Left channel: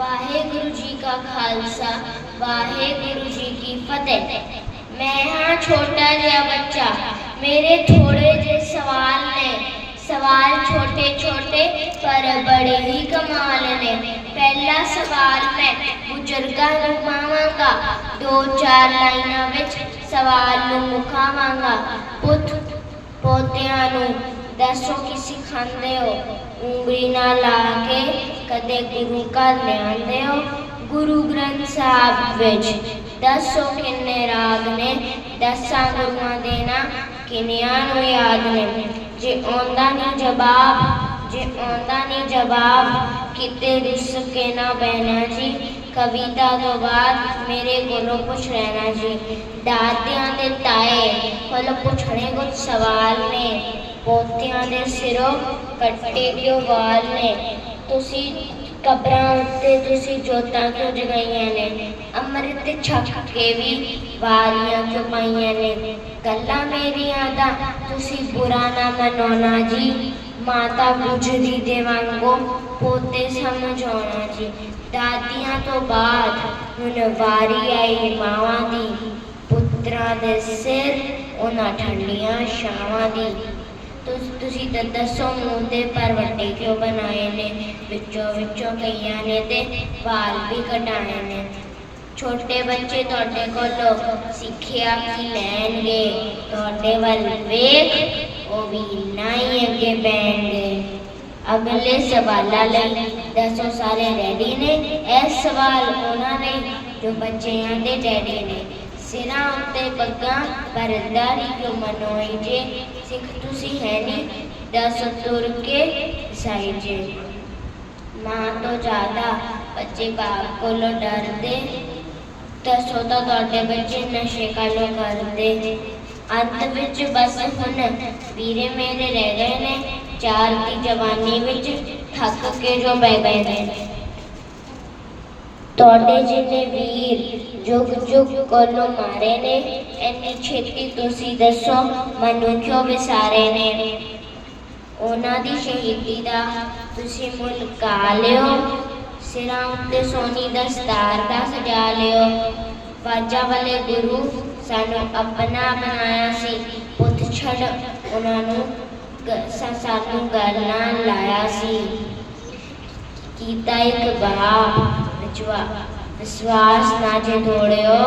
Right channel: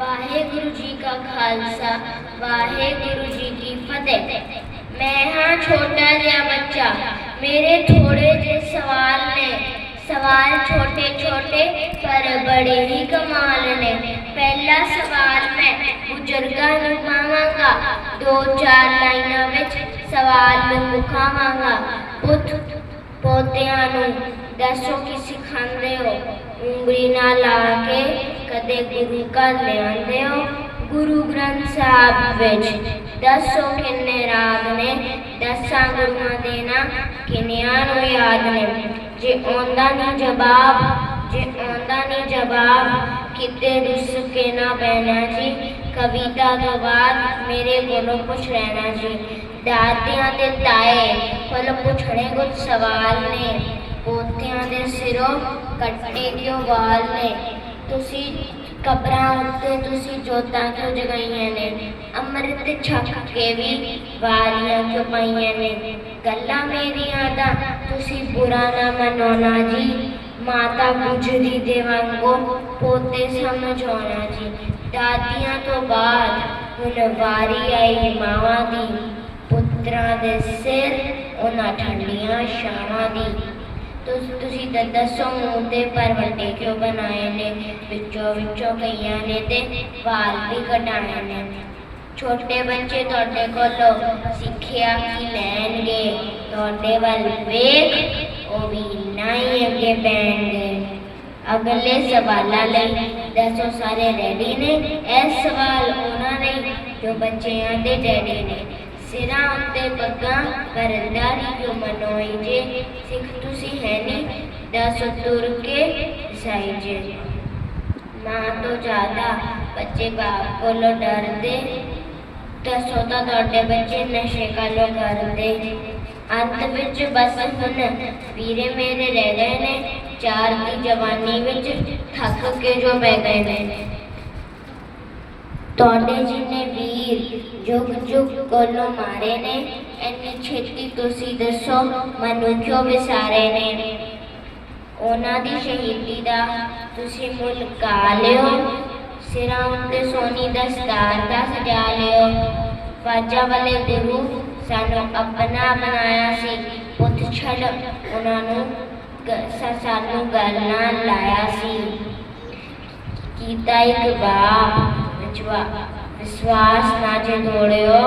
ਵਾਹਿਗੁਰੂ ਜੀ ਕਾ ਖਾਲਸਾ, ਵਾਹਿਗੁਰੂ ਜੀ ਕੀ ਫਤਿਹ। ਮੈਂ ਹਾਂ ਛੋਟਾ ਜਿਹਾ ਬੱਚਾ, ਮੇਰੇ ਥੋੜੇ ਜਿਹੇ ਸਵਾਲ ਨੇ। ਸਵਾਲ ਛੋਟੇ ਛੋਟੇ, ਪਰ ਬੜੇ ਹੀ ਕਮਾਲ ਨੇ। ਪਹਿਲਾ ਸਵਾਲ ਮੈਂ ਬਜ਼ੁਰਗਾਂ ਨੂੰ ਪਾਵਾਂਗਾ। ਦੋ ਚਾਰ ਲਾਈਨਾਂ ਵਿੱਚ ਸਵਾਲ ਨੂੰ ਮੁਕਾਵਾਂਗਾ। ਪੁੱਤ ਪੋਤਿਆਂ ਨੂੰ ਦੱਸੋ ਕੀ ਸਿਖਾਉਂਦੇ ਹੋ? ਉਂਗਲੀ ਨਾਲ ਲਾ ਕੇ ਕਦੇ ਗੁਰੂ ਘਰ ਲਿਆਉਂਦੇ ਹੋ ਗੁਰੂ ਗ੍ਰੰਥ ਸਾਹਿਬ ਵਿੱਚ ਦੱਸੋ ਕਿੰਨੇ ਰਾਗ ਨੇ ਦਸਾਂ ਗੁਰੂਆਂ ਦੇ ਨਾਂ ਕਿੰਨਿਆਂ ਨੂੰ ਯਾਦ ਨੇ ਜੇ ਆਉਂਦਾ ਨਹੀਂ ਜਵਾਬ ਜੇ ਆਉਂਦਾ ਨਹੀਂ ਜਵਾਬ ਕਿਤੇ ਰਿਸ ਕੇ ਨਾ ਬਹਿਣਾ ਜੀ ਕਵਿਤਾ ਤੋਂ ਬਾਅਦ ਮੇਰੇ ਕੋਲੋਂ ਪੁੱਛ ਲੈਣਾ ਜੀ ਦਾਦਿਆਂ ਦੇ ਤਾਏ ਕੋਲੋਂ ਪੁੱਛਣੇ ਕੁਝ ਸਵਾਲ ਨੇ ਪੋਤਿਆਂ ਦੇ ਸਿਰੋਂ ਕੱਟੇ ਕਿਉਂ ਵਾਲ ਨੇ ਤੁਸੀਂ ਕਬਰਾਂ ਉੱਤੇ ਤੁਸੀਂ ਜੋਤਾਂ ਕਿਉਂ ਜਗਾਈਆਂ ਨੇ ਅੰਮ੍ਰਿਤ ਛਕ ਕੇ ਵੀ ਵਾਰੀਆਂ ਕਿਉਂ ਪਾਈਆਂ ਨੇ ਗੱਲਾਂ ਮੇਰੀਆਂ ਦਾ ਤੁਸੀਂ ਬੁਰਾ ਨਾ ਮਨਾਉਣਾ ਜੀ ਮਾਤਾ ਗੁਜਰੀ ਦੇ ਵਾਂਗੋ ਪੋਤੇ ਸਮਝਾਉਣਾ ਜੀ ਦਾਦੀਆਂ ਤੋਂ ਬਾਅਦ ਹੁਣ ਵਾਰੀ ਆਈ ਮਾਵਾਂ ਦੀ ਪੁੱਤਰਾਂ ਦੇ ਸਿਰ ਉਹਨਾਂ ਠੰਡੀਆਂ ਛਾਵਾਂ ਦੀ ਤੁਸ- ਤੁਸੀਂ ਤਾਂ ਦੱਸੋ ਮੂੰਹ ਦੇ ਪਰ ਵੱਡੇ ਕਿਉਂ ਬਣਾਏ ਨੇ ਵਿੱਚੋਂ ਵਿੱਚੋਂ ਕਈਆਂ ਨੇ ਤੇ ਵਾਲ ਵੀ ਕਟਾਏ ਨੇ ਛੋਟੇ ਬੱਚੇ ਤੁਹਾਡੇ ਕੋਲੋਂ ਸਿੱਖਿਆ ਕੀ ਲੈਣਗੇ ਤੁਹਾਡੇ ਵੱਲ ਵੇਖ ਉਹ ਵੀ ਨਾ ਹੀ ਅੱਗੇ ਬੈਣਗੇ ਅਗਲੇ ਸਵਾਲਾਂ ਲਈ ਦੱਸੋ ਸਾਰੇ ਰੈਡੀ ਨੇ ਇਹ ਸਵਾਲ ਉਹਨਾਂ ਨੇ ਜੋ ਬੱਚਿਆਂ ਦੇ ਡੈਡੀ ਨੇ ਸਿਰਾਂ ਉੱਤੇ ਗੱਗਾ ਪਰਦਾਰੀ ਕਿਉਂ ਮਨੋਈ ਜੇ। ਸਿੱਖ ਤੁਸੀਂ ਹੈ ਨਹੀਂ ਦਸ ਤੁਰ ਕੇ ਸਾਈ ਜੇ। ਮਾਂ ਤੋਂ ਜ਼ਿਆਦਾ ਬੱਚੇ ਬਾਪ ਕੋਲੋਂ ਡਰਦੇ। ਦੱਸੋ ਤਾਂ ਤੁਹਾਡੇ ਬੱਚੇ ਨਸ਼ੇ ਕਾਲੋਂ ਕਰਦੇ। ਅੰਤ ਵਿੱਚ ਬਸ ਹੁਣ ਵੀਰੇ ਮੇਰੇ ਰਹਿ ਗਏ ਨੇ। ਚਾਰ ਦੀ ਜਵਾਨੀ ਵਿੱਚ ਥੱਕ ਕੇ ਜੋ ਬਹਿ ਗਏ ਨੇ। ਤੁਹਾਡੇ ਜਿੰਨੇ ਵੀਰ ਜੁਗ ਜੁਗ ਕੋਲੋਂ ਮਾਰੇ ਨੇ, ਇੰਨੀ ਛੇਤੀ ਤੁਸੀਂ ਦੱਸੋ, ਮੈਨੂੰ ਵਿਸਾਰੇ ਨੇ? ਉਹਨਾਂ ਦੀ ਸ਼ਹੀਦੀ ਦਾ ਤੁਸੀਂ ਮੁੱਲ ਕਾ ਲਿਓ। ਸਿਰਾਂ ਉੱਤੇ ਸੋਨੀ ਦਸਤਾਰ ਦਾ ਸਜਾ ਲਿਓ। ਬਾਜਾਂ ਵਾਲੇ ਗੁਰੂ ਸਾਨੂੰ ਆਪਣਾ ਬਣਾਇਆ ਸੀ। ਪੁੱਤ ਛੱਡ ਉਹਨਾਂ ਨੂੰ ਸਾਨੂੰ ਗੱਲ ਨਾਲ ਲਾਇਆ ਸੀ। ਕੀਤਾ ਇੱਕ ਬਾਪ ਵਿਚਵਾ ਵਿਸ਼ਵਾਸ ਨਾ ਜੇ ਤੋੜਿਓ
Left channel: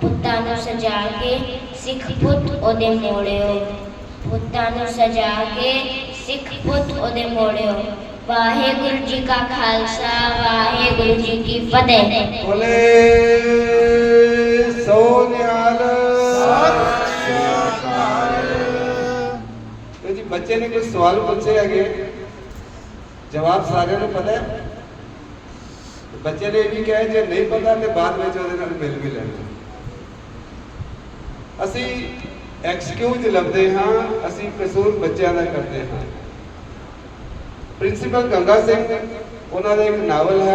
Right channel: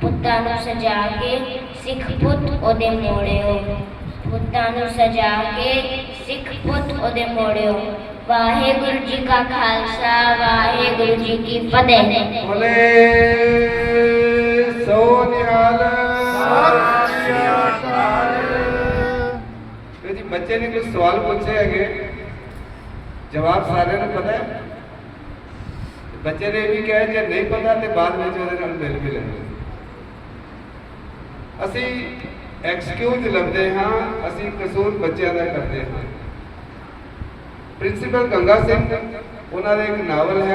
ਪੁੱਤਾਂ ਨੂੰ ਸਜਾ ਕੇ ਸਿੱਖ ਪੁੱਤ ਉਹਦੇ ਮੋੜਿਓ ਪੁੱਤਾਂ ਨੂੰ ਸਜਾ ਕੇ ਸਿੱਖ ਪੁੱਤ ਉਹਦੇ ਮੋੜਿਓ ਵਾਹਿਗੁਰੂ ਜੀ ਕਾ ਖਾਲਸਾ ਵਾਹਿਗੁਰੂ ਜੀ ਕੀ ਫਤਿਹ ਬੋਲੇ ਸੋ ਨਿਹਾਲ ਤੇ ਜੀ ਬੱਚੇ ਨੇ ਕੁਝ ਸਵਾਲ ਪੁੱਛੇ ਹੈਗੇ ਜਵਾਬ ਸਾਰਿਆਂ ਨੂੰ ਪਤਾ ਹੈ ਬੱਚੇ ਨੇ ਇਹ ਵੀ ਕਿਹਾ, ਜੇ ਨਹੀਂ ਪਤਾ ਤੇ ਬਾਅਦ ਵਿੱਚ ਉਹਦੇ ਨਾਲ ਮਿਲ ਕੇ ਲੈਣਾ ਅਸੀਂ ਐਕਸਕਿਊਜ਼ ਲੱਭਦੇ ਹਾਂ, ਅਸੀਂ ਕਸੂਰ ਬੱਚਿਆਂ ਦਾ ਕਰਦੇ ਹਾਂ। ਪ੍ਰਿੰਸੀਪਲ ਗੰਗਾ ਸਿੰਘ, ਉਹਨਾਂ ਦਾ ਇੱਕ ਨਾਵਲ ਹੈ।